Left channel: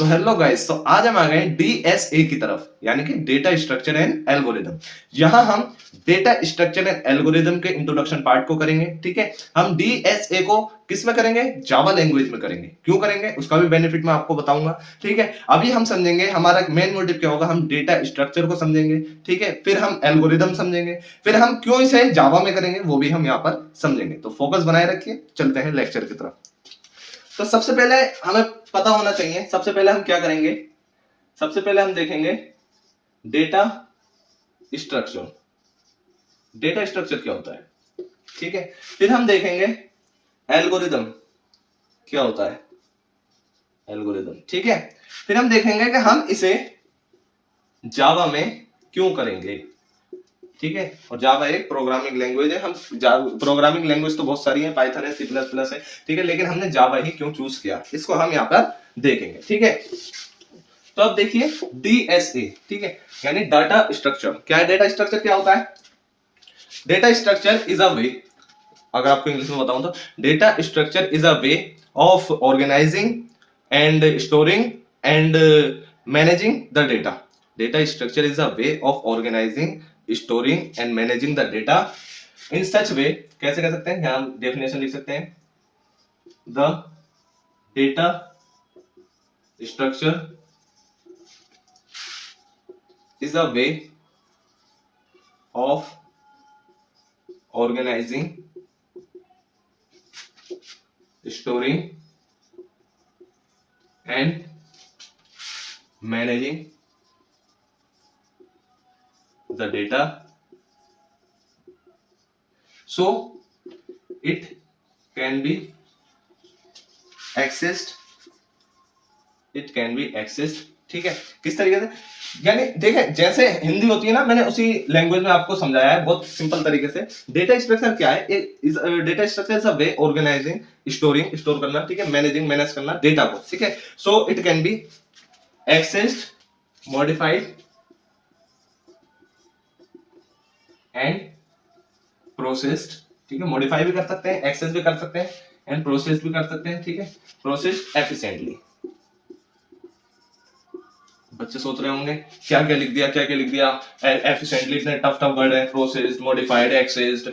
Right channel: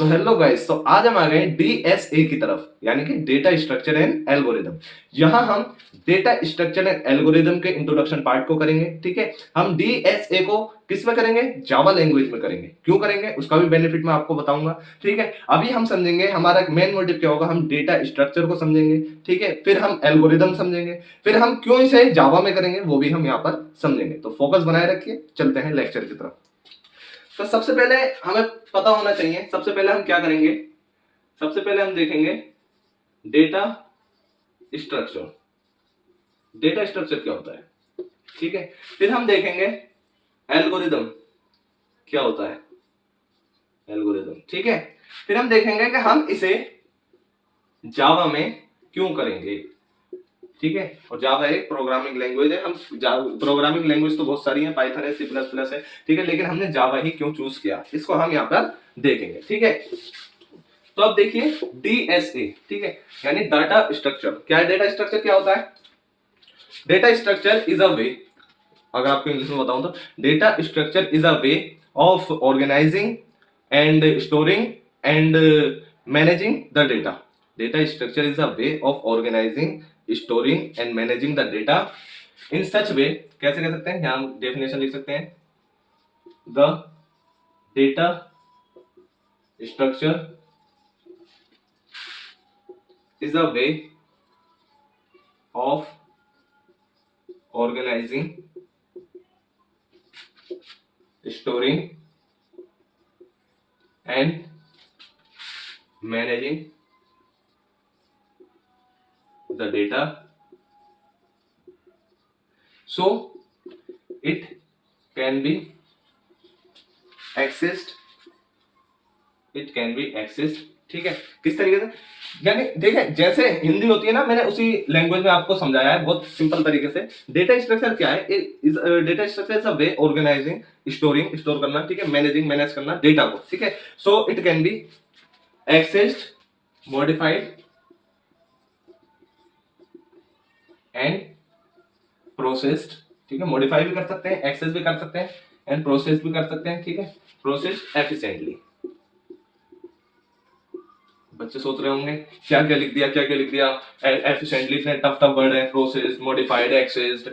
So hello guys, तो आज हम आ गए डीएसए की तरफ, यानी कि डेटा स्ट्रक्चर एंड एल्गोरिदम। यहां हम डेटा स्ट्रक्चर एंड एल्गोरिदम के इंट्रोडक्शन पार्ट को करेंगे। ठीक है, हम डीएसए को किस में करेंगे? जावा लैंग्वेज में करेंगे। क्यों करेंगे उसका भी बेनिफिट मैं आपको बताऊंगा। ठीक है, अभी हम समझेंगे हमारा मेन मोटिव क्या होगा। हम डेटा स्ट्रक्चर को समझेंगे, ठीक है, फिर हम एल्गोरिदम समझेंगे, फिर हम क्यों इसे जावा में करेंगे वो भी हम यहाँ पर समझेंगे। तो फोकस बनाए रखिए, चलते हैं लेक्चर की तरफ। तो सबसे पहले हमें पता होना चाहिए, सबसे पहले हम क्या करेंगे? सबसे पहले हम देखेंगे डेटा स्ट्रक्चर। डेटा स्ट्रक्चर क्या होता है, ठीक है। फिर हम देखेंगे एल्गोरिदम क्या होता है, एल्गोरिदम, ठीक है। फिर हम देखेंगे कि हम इसे जावा में क्यों करेंगे, ठीक है। और जावा एक प्रोग्रामिंग लैंग्वेज है। हम प्रोग्रामिंग लैंग्वेज तो बहुत सारी है, पाइथन है, सी प्लस प्लस है, ठीक है, लेकिन हमने जावा ही क्यों चूज किया इसको हम यहाँ पर देखेंगे, ठीक है। तो अब देखिए डीएसए, ठीक है, यानी डाटा स्ट्रक्चर। क्या है डाटा स्ट्रक्चर? क्या होता है? Data structure is a way, अगर आपको इंग्लिश में बताऊं तो data structure is a way of organizing and storing and managing the data. Data structure is a way of organizing, storing and managing the data in such way. कैसे कह सकते हैं? यहां डेफिनेशन लिख सकते हैं, the data structure is a way of organizing, storing and managing the data so it can be accessed, it can be accessed, ठीक है। किस तरीके से? यानी देखें, जैसे हिंदी होती है ना, मैंने उसी लैंग्वेज में आपको समझाया है बहुत सिंपल तरीके से। डेटा स्ट्रक्चर क्या है? Data structure is a way organising, storing, store करना, ठीक है, मैनेजिंग, मैनेज करना डेटा को, ठीक है। So it can be accessed, modified and processed, ठीक है। मॉडिफाई भी कर सकते हैं, एक्सेस भी कर सकते हैं एंड प्रोसेस भी कर सकते हैं, ठीक है। Processed efficiently. बच्चे सोच रहे होंगे क्या क्या लिख दिया, क्या क्या लिख दिया। एफिशिएंटली इतने टफ टफ वर्ड है, processed, modified, accessed,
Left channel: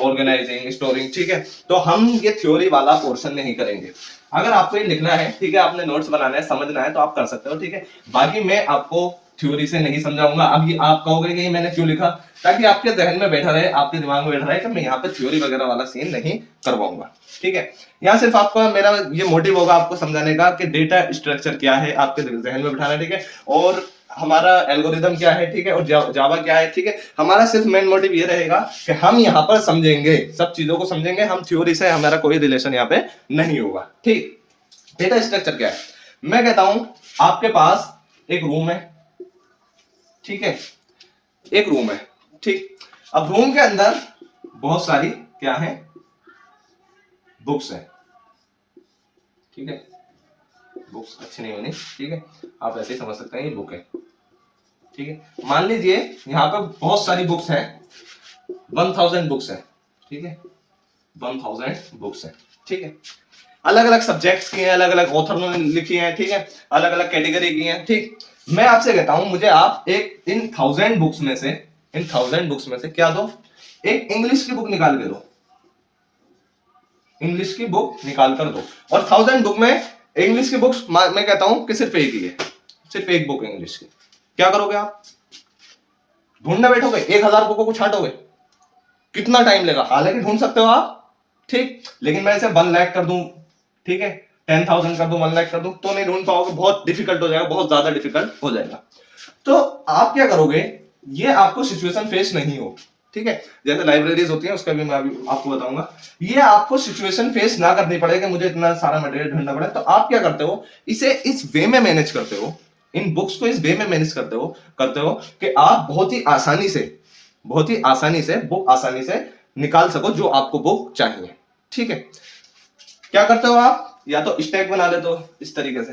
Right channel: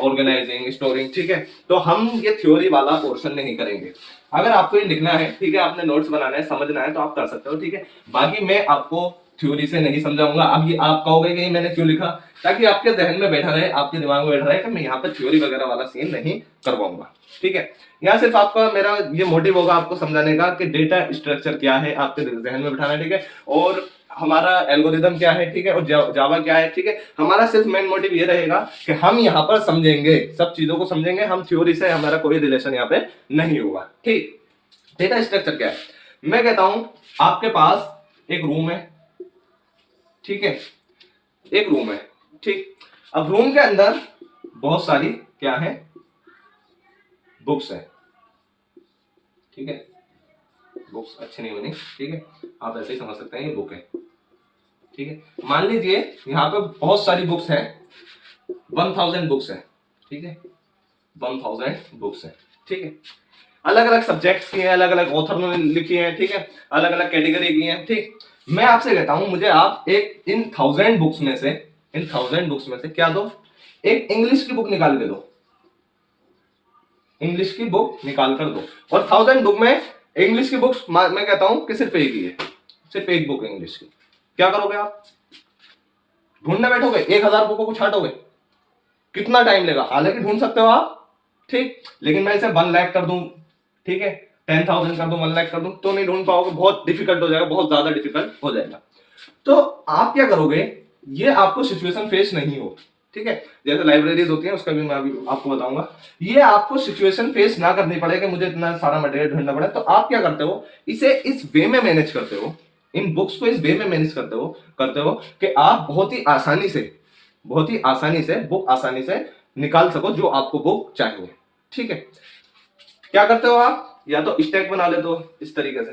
organising, storing, ठीक है। तो हम ये थ्योरी वाला पोर्शन नहीं करेंगे। अगर आपको ये लिखना है, ठीक है, आपने नोट्स बनाना है, समझना है तो आप कर सकते हो, ठीक है। बाकी मैं आपको थ्योरी से नहीं समझाऊंगा। अब ये आप कहोगे कि मैंने क्यों लिखा, ताकि आपके जहन में बैठा रहे, आपके दिमाग में बैठा रहे कि मैं यहाँ पर थ्योरी वगैरह वाला सीन नहीं करवाऊंगा, ठीक है। यहाँ सिर्फ आपका मेरा ये मोटिव होगा आपको समझाने का कि डेटा स्ट्रक्चर क्या है, आपके जहन में बिठाना, ठीक है, और हमारा एल्गोरिदम क्या है, ठीक है, और जावा क्या है, ठीक है। हमारा सिर्फ मेन मोटिव ये रहेगा कि हम यहाँ पर समझेंगे, सब चीजों को समझेंगे, हम थ्योरी से हमारा कोई रिलेशन यहाँ पे नहीं होगा, ठीक। डेटा स्ट्रक्चर क्या है? मैं कहता हूं आपके पास एक रूम है, ठीक है, एक रूम है, ठीक। अब रूम के अंदर बहुत सारी क्या है? बुक्स है, ठीक है। बुक्स अच्छी नहीं बनी, ठीक है, आप ऐसे ही समझ सकते हैं ये बुक है, ठीक है। मान लीजिए यहाँ पे बहुत सारी बुक्स हैं, 1000 बुक्स हैं, ठीक है, 1000 बुक्स हैं, ठीक है। अलग अलग सब्जेक्ट्स की हैं, अलग अलग ऑथर ने लिखी हैं, ठीक है, अलग अलग कैटेगरी की हैं, ठीक। मैं आपसे कहता हूं मुझे आप एक इन 1000 बुक्स में से, इन 1000 बुक्स में से क्या दो? एक इंग्लिश की बुक निकाल के दो, इंग्लिश की बुक निकाल कर दो। और 1000 बुक में इंग्लिश की बुक्स मैं कहता हूं कि सिर्फ एक ही है, सिर्फ एक बुक है इंग्लिश की। क्या करोगे आप? ढूंढने बैठोगे? 1000 बुकों को छाटोगे? कितना टाइम लेगा? हालांकि ढूंढ सकते हो आप, ठीक, लेकिन मैं इसे 1 लाख कर दूं, ठीक है, 10,000 कर दूं, 1 लाख कर दूं, तो नहीं ढूंढ पाओगे, बहुत डिफिकल्ट हो जाएगा, बहुत ज्यादा डिफिकल्ट हो जाएगा। तो आप क्या करोगे? ये आपको सिचुएशन फेस नहीं हो, ठीक है, जैसे लाइब्रेरीज होती है उसका भी मैं अभी आपको बताऊंगा। ये आपको सिचुएशन फेस ना करनी पड़े कि मुझे इतना सारा मटेरियल ढूंढना पड़े, तो आप क्या करते हो? इसे इस वे में मैनेज करते हो, इन बुक्स को इस वे में मैनेज करते हो कि आप बहुत ही आसानी से, बहुत ही आसानी से बुक आसानी से निकाल सको जो आपको बुक चाहिए, ठीक है। क्या करते हो आप? या तो स्टैक बना लेते हो इस तरीके से,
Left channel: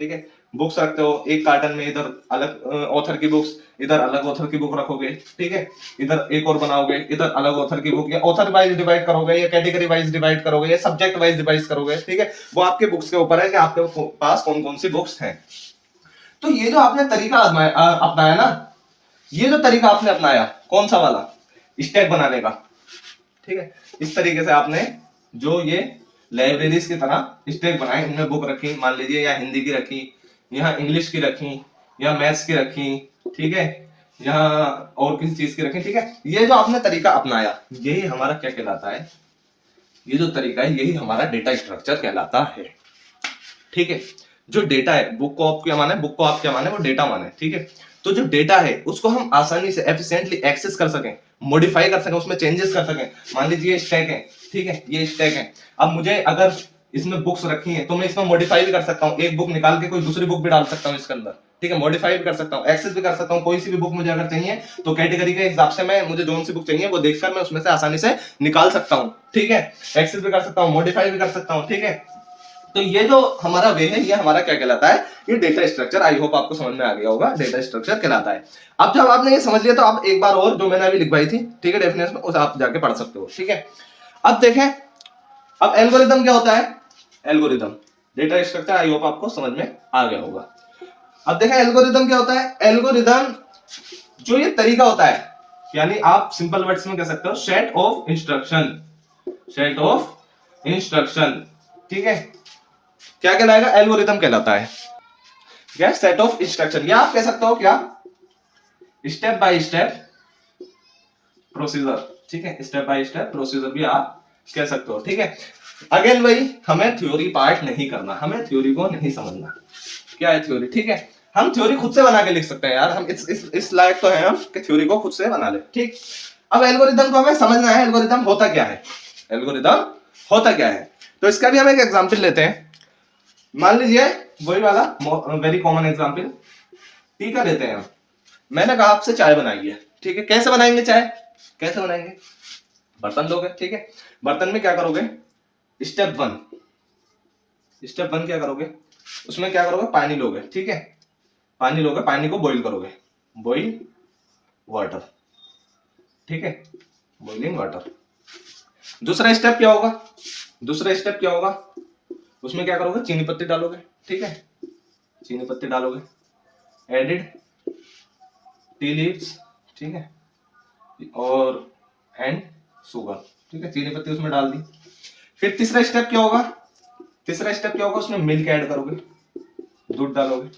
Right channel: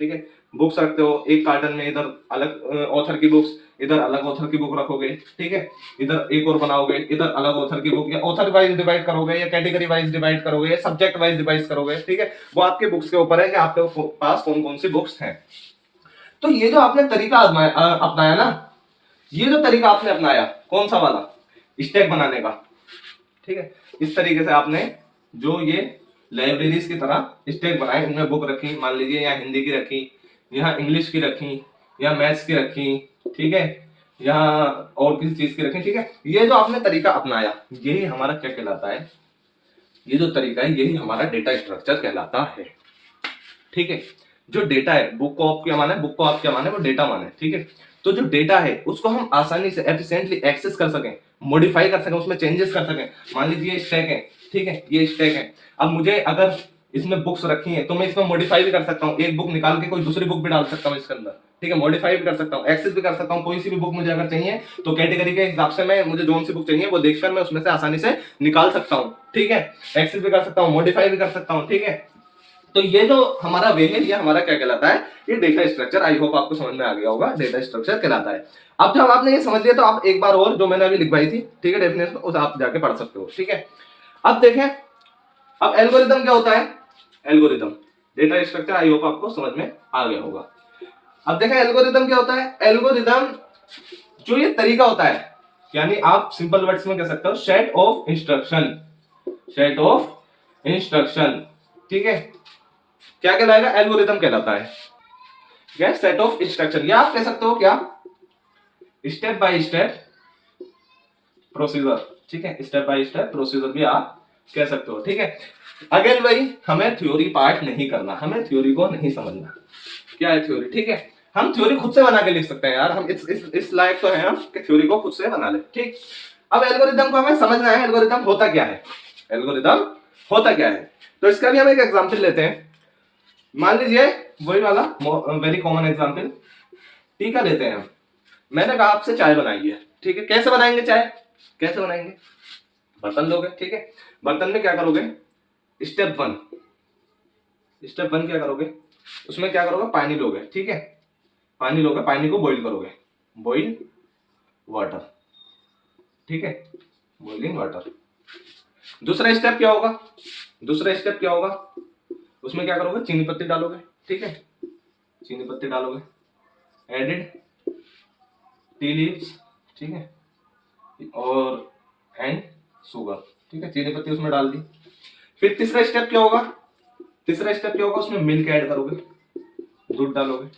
ठीक है, बुक्स रखते हो एक कार्टन में, इधर अलग ऑथर की बुक्स, इधर अलग ऑथर की बुक रखोगे, ठीक है, इधर एक और बनाओगे, इधर अलग ऑथर की बुक, या ऑथर वाइज डिवाइड करोगे, या कैटेगरी वाइज डिवाइड करोगे, या सब्जेक्ट वाइज डिवाइड करोगे, ठीक है, वो आपके बुक्स के ऊपर है कि आपके पास कौन कौन सी बुक्स हैं। तो ये जो आपने तरीका अपनाया ना, ये जो तरीका आपने अपनाया, कौन सा वाला, स्टैक बनाने का, ठीक है, इस तरीके से आपने जो ये लाइब्रेरीज की तरह स्टैक बनाए, उनमें बुक रखी, मान लीजिए यहाँ हिंदी की रखी, यहाँ इंग्लिश की रखी, यहाँ मैथ्स की रखी, ठीक है, यहाँ और किसी चीज की रखी, ठीक है, ये जो आपने तरीका अपनाया, यही हमारा क्या कहलाता है, ये जो तरीका है यही हमारा डेटा स्ट्रक्चर कहलाता है, ठीक है। जो डेटा है, बुक को आप क्या माने, बुक को आप क्या माने, वो डेटा माने, ठीक है। तो जो डेटा है उसको हम आसानी से एफिशिएंटली एक्सेस कर सकें, मॉडिफाई कर सकें, उसमें चेंजेस कर सकें। मान लीजिए स्टैक है, ठीक है, ये स्टैक है, अब मुझे अगर इसमें बुक्स रखी हैं तो मैं इसमें मॉडिफाई भी कर सकता हूँ, एक बुक निकाल के कोई दूसरी बुक भी डाल सकता हूँ इसके अंदर, ठीक है, मॉडिफाई भी कर सकता हूँ, एक्सेस भी कर सकता हूँ। कोई सी भी बुक मुझे अगर चाहिए तो कैटेगरी के हिसाब से मैं, मुझे जोन सी बुक चाहिए वो देखकर मैं उसमें से आसानी से निकाल सकता हूँ, ठीक है, एक्सेस भी कर सकता हूँ, मॉडिफाई भी कर सकता हूँ, ठीक है। तो ये जो हमारा वे है, ये हमारा क्या कहलाता है, ये डेटा स्ट्रक्चर। आई होप आपको समझ में आ गया होगा, डेटा स्ट्रक्चर कहलाता है। अब जब आपने ये समझ लिया तो आप एक बार और जो मैंने अभी लिखवाई थी, ठीक है, डेफिनेशन, उसे आप जाके पढ़ सकते हो, ठीक है। अब देखें, अब एल्गोरिदम क्या होता है, algorithm, data structure I hope आपको समझ में आ गया होगा। अब देखें एल्गोरिदम क्या होता है, एल्गोरिदम जो ये तरीका होता है, यानी आप सिंपल वर्ड्स में कह सकते हो set of instruction, set of instruction, ठीक है, क्या कहलाएगा, एल्गोरिदम कहलाता है, क्या, सेट ऑफ इंस्ट्रक्शन, या आप कह सकते हो क्या, स्टेप बाय स्टेप प्रोसीजर, ठीक है, स्टेप बाय स्टेप प्रोसीजर भी आप कह सकते हो, ठीक है। अगेन भाई, हमें थ्योरी पार्ट नहीं करना, हमें थ्योरी को नहीं समझना, क्या है थ्योरी, ठीक है, हम थ्योरी खुद से बना के लिख सकते हैं यार, हम इस लायक तो है हम कि थ्योरी को खुद से बना ले, ठीक। अब एल्गोरिदम को हमें समझना है, एल्गोरिदम होता क्या है, एल्गोरिदम होता क्या है। तो इसका भी हम एक एग्जांपल लेते हैं, मान लीजिए वही वाला वेरी कॉमन एग्जांपल, टी का लेते हैं हम। मैंने कहा आपसे चाय बनाई है, ठीक है, कैसे बनाएंगे चाय, कैसे बनाएंगे, बर्तन लोगे, ठीक है, बर्तन में क्या करोगे, स्टेप वन, स्टेप वन क्या करोगे, उसमें क्या करोगे, पानी लोगे, ठीक है, पानी लोगे, पानी को बॉईल करोगे, बॉईल वाटर, ठीक है, बॉइलिंग वाटर। दूसरा स्टेप क्या होगा, दूसरा स्टेप क्या होगा, उसमें क्या करोगे, चीनी पत्ती डालोगे, ठीक है, चीनी पत्ती डालोगे, एडिड टी लीव्स, ठीक है, और एंड शुगर, ठीक है, चीनी पत्ती उसमें डाल दी। फिर तीसरा स्टेप क्या होगा, तीसरा स्टेप क्या होगा, उसमें मिल्क ऐड करोगे, दूध डालोगे,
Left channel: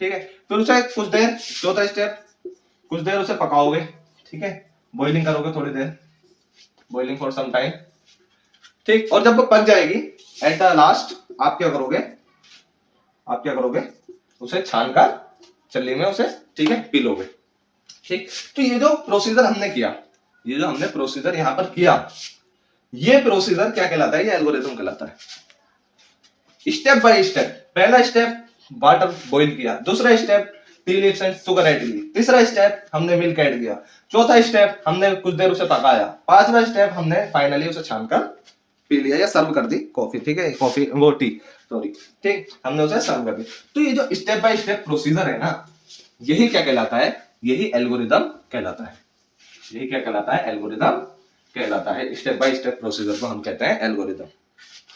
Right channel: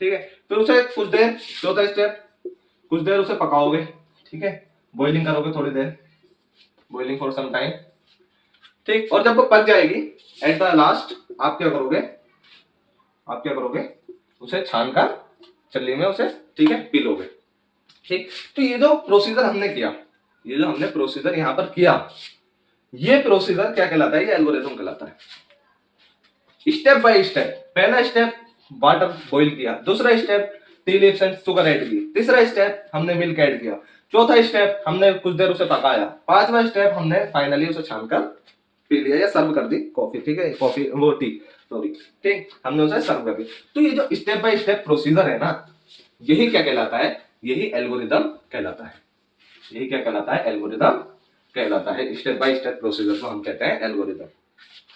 ठीक है, फिर उसे कुछ देर, चौथा स्टेप, कुछ देर उसे पकाओगे, ठीक है, बॉइलिंग करोगे थोड़ी देर, बॉइलिंग फॉर सम टाइम, ठीक, और जब वो पक जाएगी एट द लास्ट आप क्या करोगे, आप क्या करोगे, उसे छानकर चल्ली में उसे, ठीक है, पी लोगे, ठीक। तो ये जो प्रोसीजर हमने किया, ये जो हमने प्रोसीजर यहां पर किया, ये प्रोसीजर क्या कहलाता है, ये एल्गोरिथम कहलाता है। स्टेप बाय स्टेप, पहला स्टेप वाटर बॉईल किया, दूसरा step tea leaves and sugar add की, तीसरा स्टेप हमने मिल्क ऐड किया, चौथा स्टेप हमने कुछ देर उसे पकाया, पांचवा स्टेप हमने फाइनली उसे छानकर पी लिया या सर्व कर दी कॉफी, ठीक है, कॉफी वो टी, सॉरी, ठीक, हमने उसे सर्व कर दी। तो ये जो स्टेप बाय स्टेप प्रोसीजर है ना, यही क्या कहलाता है, यही एल्गोरिदम कहलाता है, यही क्या कहलाता है, एल्गोरिदम कहलाता है। स्टेप बाय स्टेप प्रोसीजर को हम कहते हैं एल्गोरिदम।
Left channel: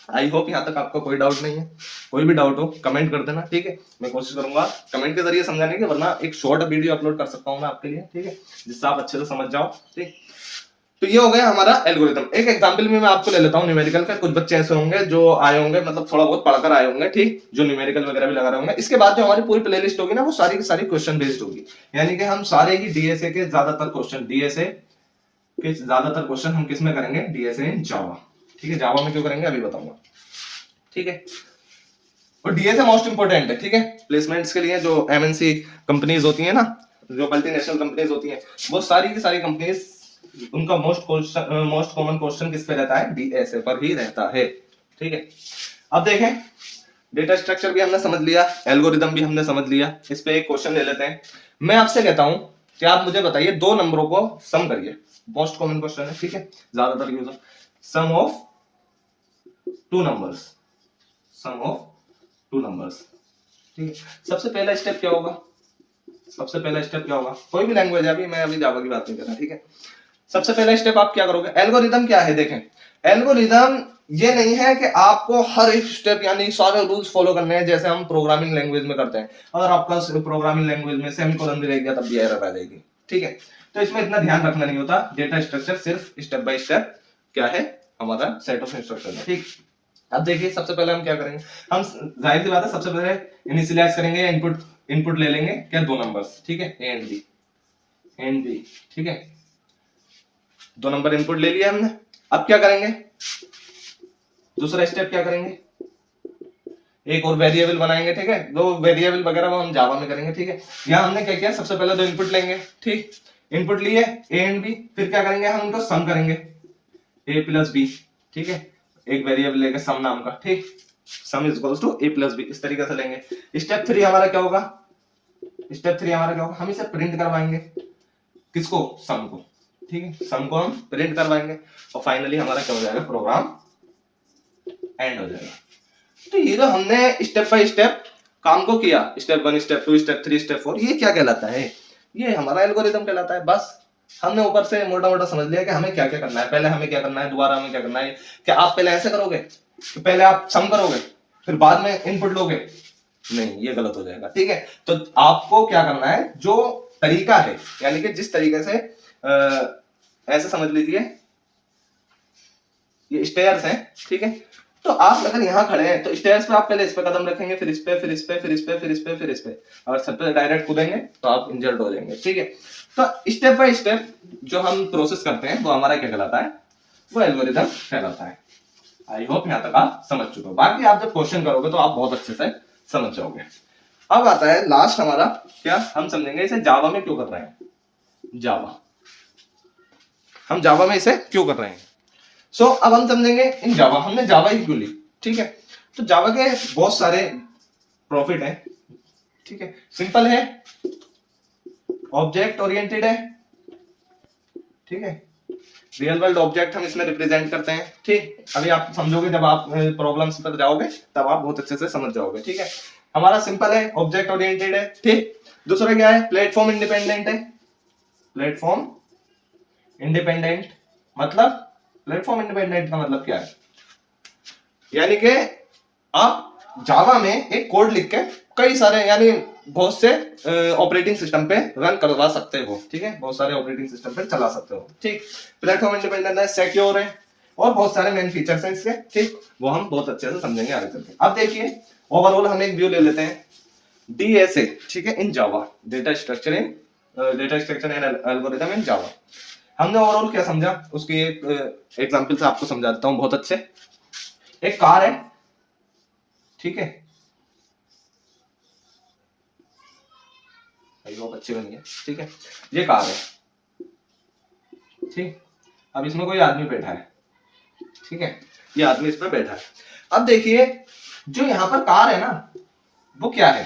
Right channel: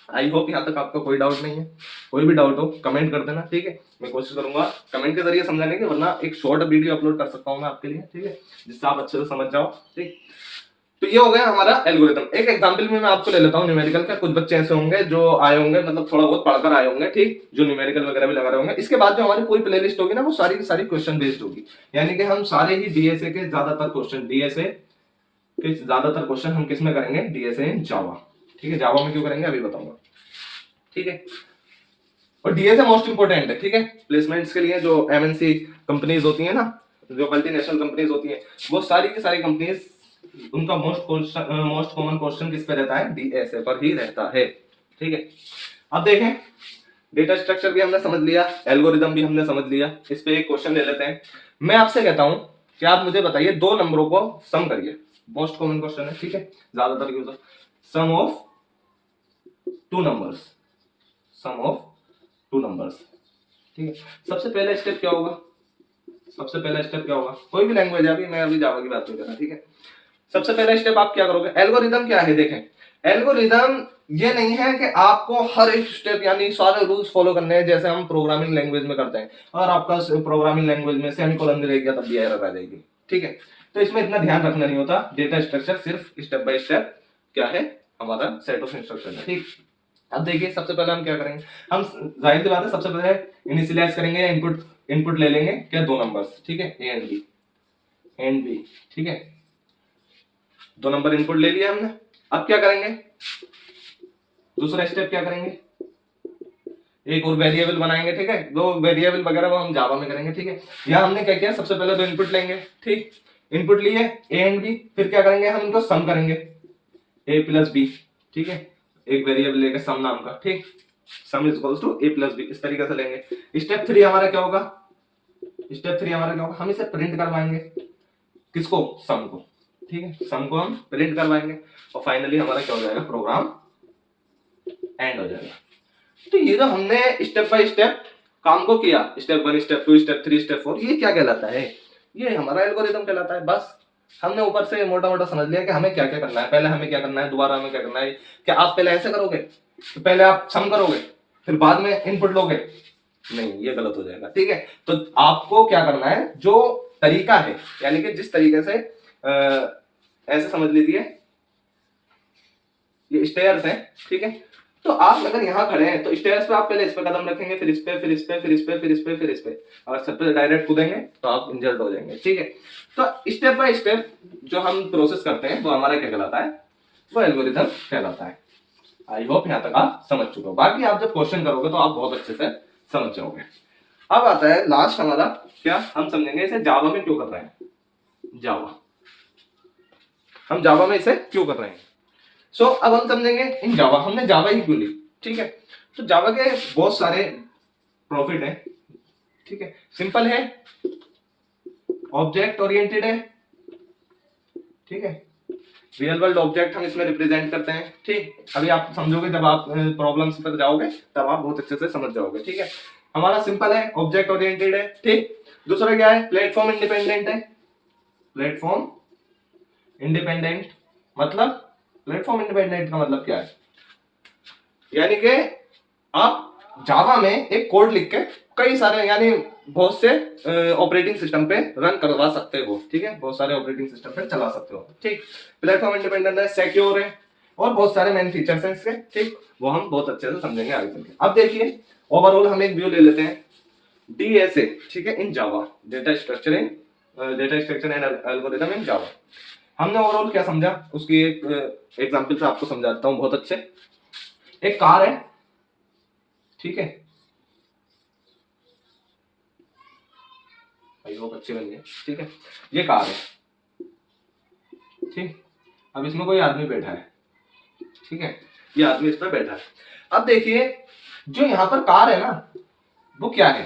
आई होप यहाँ तक आपका कोई डाउट नहीं है, कोई भी डाउट हो कमेंट कर देना, ठीक है, मैं कोशिश करूंगा कमेंट के जरिए समझाने की, वरना एक शॉर्ट वीडियो अपलोड कर सकता हूँ मैं आपके लिए, ठीक है, जिससे आप अच्छे से समझ जाओ, ठीक। तो ये हो गया हमारा एल्गोरिथम। एक एग्जांपल भी मैं आपको ले लेता हूँ न्यूमेरिकल का। कुछ बच्चे ऐसे होंगे जो आए होंगे, मतलब थोड़ा बहुत पढ़कर आए होंगे, ठीक, जो न्यूमेरिकल वगैरह भी लगा रहे होंगे। इसके बाद जो हमारी पूरी प्लेलिस्ट होगी ना, वो सारी की सारी क्वेश्चन बेस्ड होगी, यानी कि हम सारे ही डीएसए के ज्यादातर क्वेश्चन, डीएसए के ज्यादातर क्वेश्चन हम किस में करेंगे, डीएसए इन जावा, ठीक है। जावा में क्यों करेंगे अभी बताऊंगा, ठीक है। और डीएसए मोस्ट इंपोर्टेंट है, ठीक है, प्लेसमेंट्स के लिए। जो एमएनसी कंपनीज होती है ना, जो मल्टीनेशनल कंपनीज होती हैं, वो सारी की सारी कंपनीज, उनका मोस्ट कॉमन क्वेश्चन किस पे रहता है, डीएसए पर ही रहता है, ठीक है। अब देखें, डेटा स्ट्रक्चर भी हमने समझ लिया, एल्गोरिदम भी हमने समझ लिया। इस पे एक क्वेश्चन ले लेते हैं। मैं आपसे कहता हूं कि आप मुझे बताइए, दो नंबरों को सम करिए। मोस्ट कॉमन क्वेश्चन है, ठीक है, ज्यादातर use, sum of two numbers, sum of two numbers, ठीक है, सबसे पहला स्टेप क्या होगा, सबसे पहला स्टेप क्या होगा, कोई भी लैंग्वेज है, अभी मैं अभी जावा की बात नहीं कर रहा, ठीक है। सबसे पहला स्टेप आप क्या करोगे, एल्गोरिदम क्या है, देखें एल्गोरिदम ये नहीं है कि आपको हर एक स्टेप यानी सारे रूल्स फॉलो करने हैं जैसे हम प्रोग्रामिंग लैंग्वेज में करते हैं, अगर आपका प्रोग्रामिंग लैंग्वेज में सेमीकोलन भी रहेगा तब भी एरर आ जाएगी, ठीक है। तो इसमें इतना ध्यान रखना नहीं होता, डेटा स्ट्रक्चर सिर्फ स्टेप बाय स्टेप क्या है, हमारा सेट ऑफ इंस्ट्रक्शन है, ठीक। अब देखिए सबसे पहले हम क्या करेंगे, हम जाहिर सी बात है सबसे पहले इनिशियलाइज करेंगे या इनपुट ले लेंगे क्या, दो नंबर्स, ठीक है, ए एंड बी, ठीक है, दो नंबर इनपुट ले लिया हमने। अब क्या करेंगे, दूसरा स्टेप क्या करेंगे, एक और वेरिएबल बनाएंगे, ठीक है, दो वेरिएबल वगैरह वो हम जावा में करेंगे, ठीक है। यहाँ हमने क्या किया, सबसे पहले दो इनपुट लेंगे, ठीक, इनपुट लिए ए एंड बी, फिर क्या करेंगे हम उनको सम करेंगे, ए प्लस बी, ठीक है, एक वेरिएबल लेके सम नाम का, ठीक, sum is equals to A plus B, इस तरीके से लेंगे। स्टेप 3 हमारा क्या होगा, स्टेप 3 हमारा क्या होगा, हम इसे प्रिंट करवाएंगे, किसको, सम को, ठीक है, सम को हम प्रिंट करवाएंगे और फाइनली हमारा क्या हो जाएगा, प्रोग्राम एंड हो जाएगा। तो ये तो हमने स्टेप बाय स्टेप काम को किया, स्टेप 1 स्टेप 2 स्टेप 3 स्टेप 4, ये क्या कहलाता है, ये हमारा एल्गोरिदम कहलाता है। बस हमने ऊपर से मोटा मोटा समझ लिया कि हमें क्या क्या करना है, पहले हमें क्या करना है, दोबारा हमें क्या करना है। क्या आप पहले ऐसे करोगे तो पहले आप सम करोगे फिर बाद में इनपुट लोगे, नहीं, ये गलत हो जाएगा, ठीक है। तो आपको क्या करना है, जो तरीका है यानी कि जिस तरीके से ऐसे समझ लीजिए ये स्टेयर्स हैं, ठीक है, तो आप अगर यहाँ खड़े हैं तो स्टेयर्स पे आप पहले इस पे कदम रखेंगे, फिर इस पे, फिर इस पे, फिर इस पे, फिर इस पे, फिर इस पे, अगर सब पे डायरेक्ट कूदेंगे तो आप इंजर्ड हो जाएंगे, ठीक है। तो स्टेप बाय स्टेप जो हम प्रोसेस करते हैं वो हमारा क्या कहलाता है, वो एल्गोरिथम कहलाता है। आई होप यहाँ तक आप समझ चुके हो, बाकी आप जब क्वेश्चन करोगे तो आप बहुत अच्छे से समझ जाओगे। अब आता है लास्ट हमारा क्या, हम समझेंगे इसे जावा में क्यों कर रहे हैं, जावा, हम जावा में इसे क्यों कर रहे हैं। सो अब हम समझेंगे इन जावा, हमने जावा ही क्यों ली, ठीक है। तो जावा के बहुत सारे प्रॉफिट हैं, ठीक है, सिंपल है, ऑब्जेक्ट ओरिएंटेड है, ठीक है, रियल वर्ल्ड ऑब्जेक्ट हम इसमें रिप्रेजेंट करते हैं, ठीक। अभी आप समझोगे जब आप प्रॉब्लम्स पर जाओगे तब आप बहुत अच्छे से समझ जाओगे, ठीक है। हमारा सिंपल है, ऑब्जेक्ट ओरिएंटेड है, ठीक। दूसरा क्या है, प्लेटफॉर्म इंडिपेंडेंट है, प्लेटफॉर्म इंडिपेंडेंट मतलब, प्लेटफॉर्म इंडिपेंडेंट का मतलब क्या है, यानी कि आप जावा में एक कोड लिख के कई सारे यानी बहुत से ऑपरेटिंग सिस्टम पे रन करवा सकते हो, ठीक है, बहुत सारे ऑपरेटिंग सिस्टम पे चला सकते हो, ठीक। प्लेटफॉर्म इंडिपेंडेंट है, सिक्योर है और बहुत सारे मेन फीचर्स हैं इसके, ठीक, वो हम बहुत अच्छे से समझेंगे आगे चल के। अब देखिए ओवरऑल हम एक व्यू ले लेते हैं, डीएसए, ठीक है, इन जावा, डेटा स्ट्रक्चर एंड एल्गोरिथम इन जावा। हमने ओवरऑल क्या समझा उसकी एक एग्जांपल से आपको समझा देता हूं बहुत अच्छे। एक कार है, ठीक है, वो बच्चे बन गए, ठीक है, ये कार है, ठीक। अब इसमें कोई आदमी बैठा है, ठीक है, ये आदमी इस पे बैठा है। अब देखिए जो यहाँ पर कार है ना, वो क्या है,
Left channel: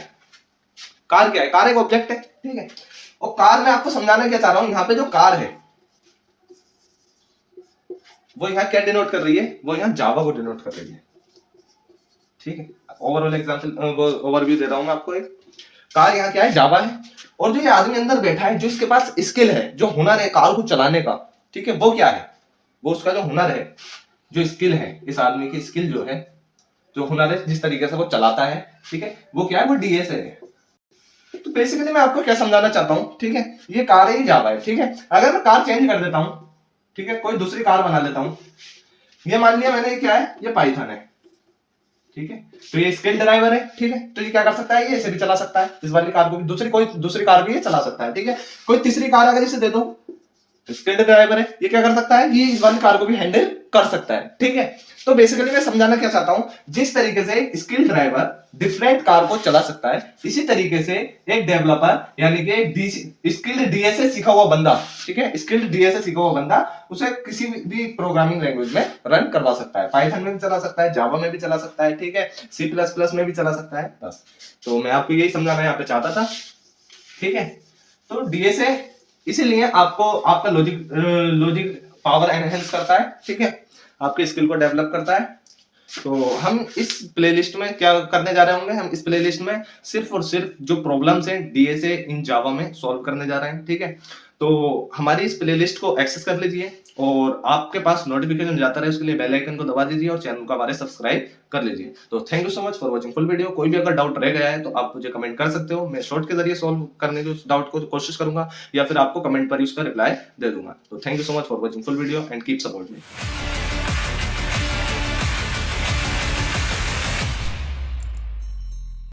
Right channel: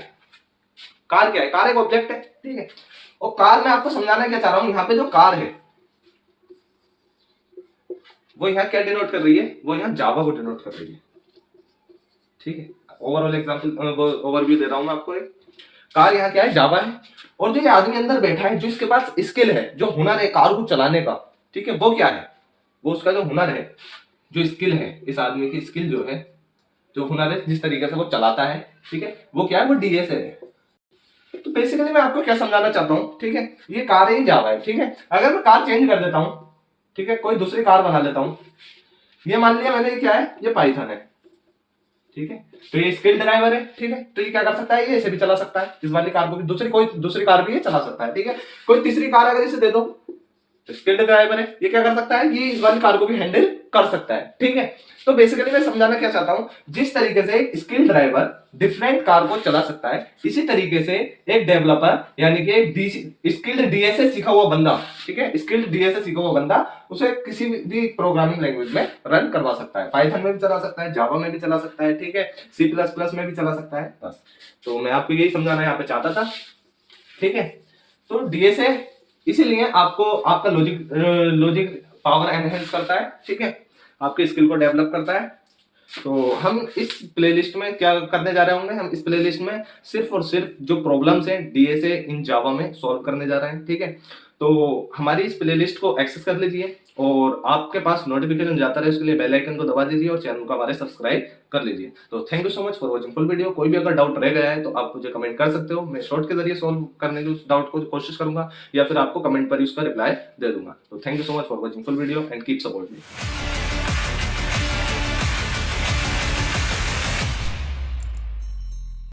कार क्या है, कार एक ऑब्जेक्ट है, ठीक है। और कार मैं आपको समझाना क्या चाह रहा हूं, यहाँ पे जो कार है वो यहाँ क्या डिनोट कर रही है, वो यहाँ जावा को डिनोट कर रही है, ठीक है। ओवरऑल एग्जांपल ओवरव्यू दे रहा हूं मैं आपको। एक कार यहाँ क्या है, जावा है, और जो ये आदमी अंदर बैठा है जो इसके पास स्किल है, जो हुनर है कार को चलाने का, ठीक है, वो क्या है, वो उसका जो हुनर है, जो स्किल है, इस आदमी की स्किल जो है, जो हुनर है, जिस तरीके से वो चलाता है, ठीक है, वो क्या है, वो डीएसए है। तो बेसिकली मैं आपको क्या समझाना चाहता हूँ, ठीक है, ये कार है, ये जावा है, ठीक है। अगर मैं कार चेंज कर देता हूँ, ठीक है, कोई दूसरी कार बना लेता हूँ, ये मान लिया मैंने, ये क्या है, ये पाइथन है, ठीक है, तो ये स्किल ड्राइवर है, ठीक है, तो ये क्या कर सकता है, ये इसे भी चला सकता है, इस वाली कार को भी, कोई दूसरी कार भी ये चला सकता है, ठीक है। कोई तीसरी कार अगर इसे दे दो, स्किल्ड ड्राइवर है, ये क्या कर सकता है, ये इस वाली कार को भी हैंडल कर सकता है, ठीक है। तो बेसिकली मैं समझाना क्या चाहता हूं, जिस तरीके से स्किल्ड ड्राइवर डिफरेंट कार को चला सकता है, इसी तरीके से एक डेवलपर यानी कि एक स्किल्ड डीएसए सीखा हुआ बंदा, ठीक है, स्किल्ड डीएसए सीखा हुआ बंदा उसे किसी भी प्रोग्रामिंग लैंग्वेज में रन करवा सकता है, पाइथन में भी चला सकता है, जावा में भी चला सकता है, ठीक है, C++ में भी चला सकता है, बस। तो मैं आपको यही समझाना यहाँ पे चाहता था, ठीक है। तो डीएसए इसीलिए आपको आपका लॉजिक पावर एनहेंस करता है, ठीक है, आपके स्किल को डेवलप करता है, तो हम इस प्लेलिस्ट में क्या करने जा रहे होंगे, हम इस प्लेलिस्ट में सिर्फ और सिर्फ जो प्रॉब्लम्स हैं डीएसए इन जावा में सॉल्व करने जा रहे हैं, ठीक है। तो हमारी इस प्लेलिस्ट को एक्सेस कर लीजिए और आपके पास नोटिफिकेशन जाता रहे उसके लिए बेल आइकन को दबा दीजिए और चैनल को हमारे सब्सक्राइब कर लीजिए। तो thank you so much for watching full video. कोई भी अगर डाउट रह गया है तो आप मुझे कमेंट कर सकते हो, मैं शॉर्ट के जरिए सॉल्व करने की उस डाउट को कोशिश करूंगा या फिर आपको कमेंट पर ही उसका रिप्लाई दे दूंगा। तो thank you so much for watching full video and keep support me.